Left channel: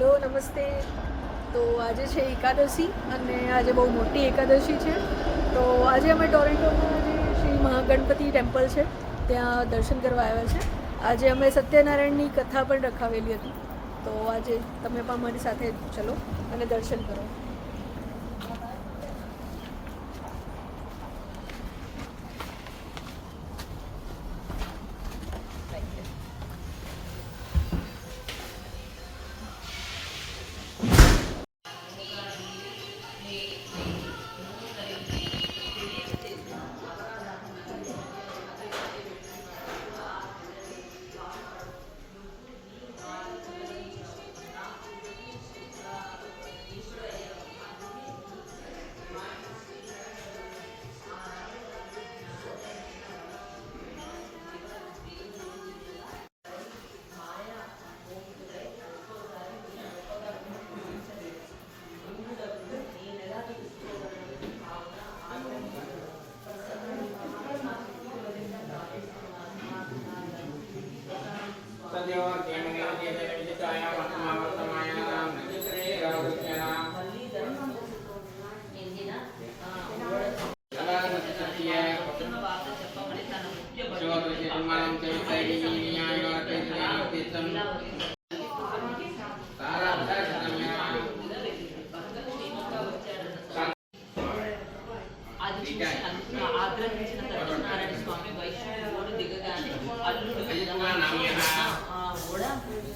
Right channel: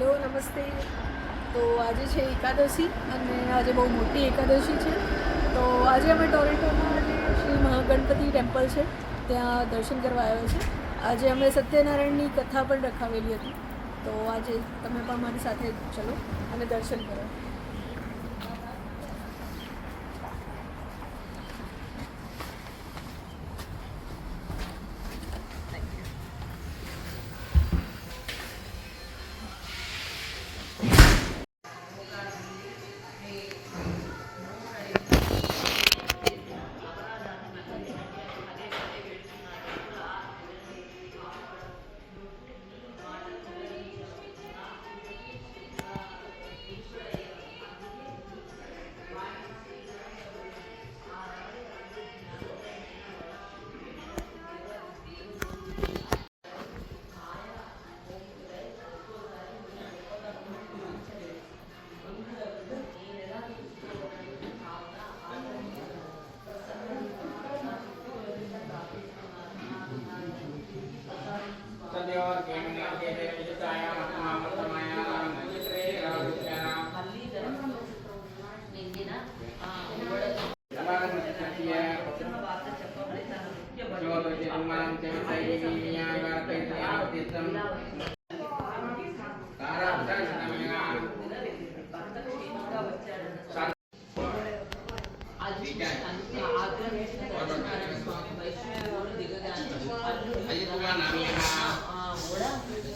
Hello नमस्ते। तो आज है एकादशी અને આજે બહુ મોટી એકાદશી છે। તો આજે અમે ટોરન્ટોના જે શ્રી મહાગણપતિ ટેમ્પલ છે ત્યાં દર્શન કરવા આવ્યા છે। આજે અમે સત્યનારાયણની કથા પણ રખાવેલી હતી, તો આજે તમે પણ મારી સાથે ચલો અને દર્શન કરો।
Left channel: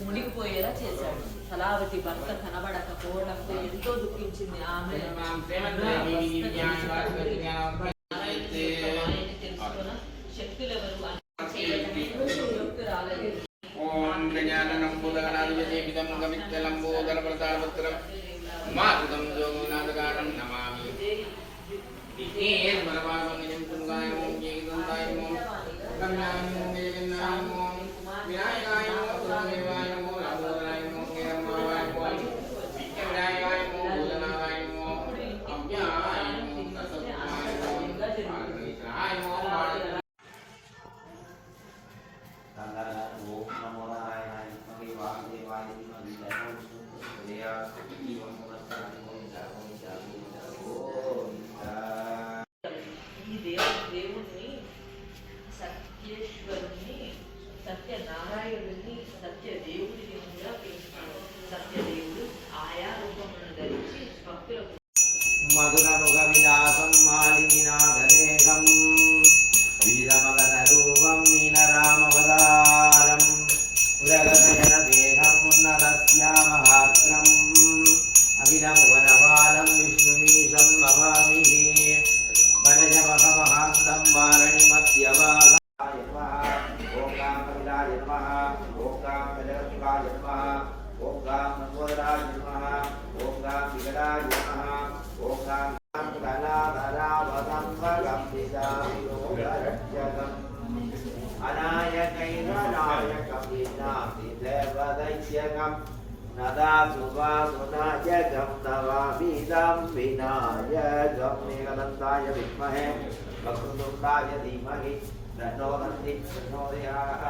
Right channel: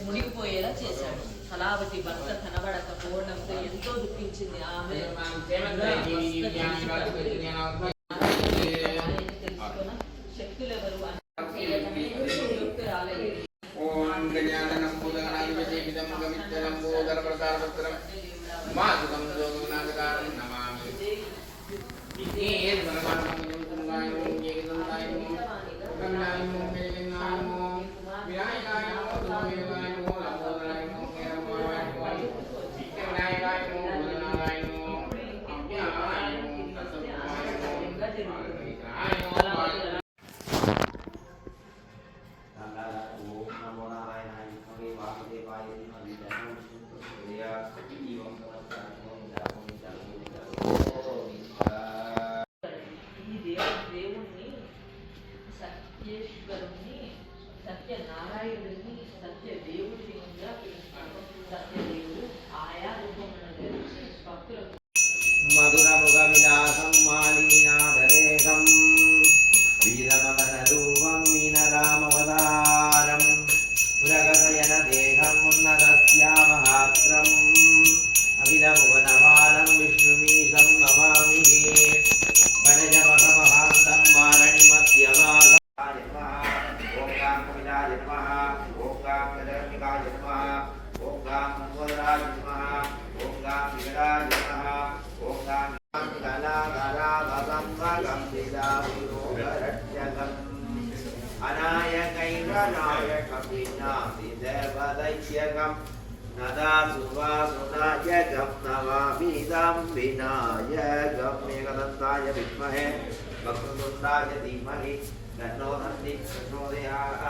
మునిగిపోయేలా చేశాడు। కళావతి భర్త కనబడకపోవడంతో ఎంతో దుఃఖించింది ఆమె। తెలుసుకున్న శక్తులెవరు మధురముఖవిలాసం మాలినినాథదేశం వీరమదనరూపం మీనరామవదారం పురగశయన దేహం ఉన్నతస్యామహాగ్రం అఖిలభువనపాలం విష్ణుమీశం నమామి వనజమహమహాంతం వారణిమధ్యవాగ ఓం గాం కవిలాయ నమః ఓం గాం కజరమికాయ నమః ఓం గాం నందోదరాయ నమః ఓం గాం విగడాయ నమః ఓం గాం కళాకళావగం భగం విదావిరోగరక్షకం అనాయకైరనాయకం వినాశి దేవదైత్యకం నదాసువాసునాయకం నవామిదం వినాయకం ఏకదంతాయ విద్మహే వక్రతుండాయ ధీమహి తన్నో నంది ప్రచోదయాత్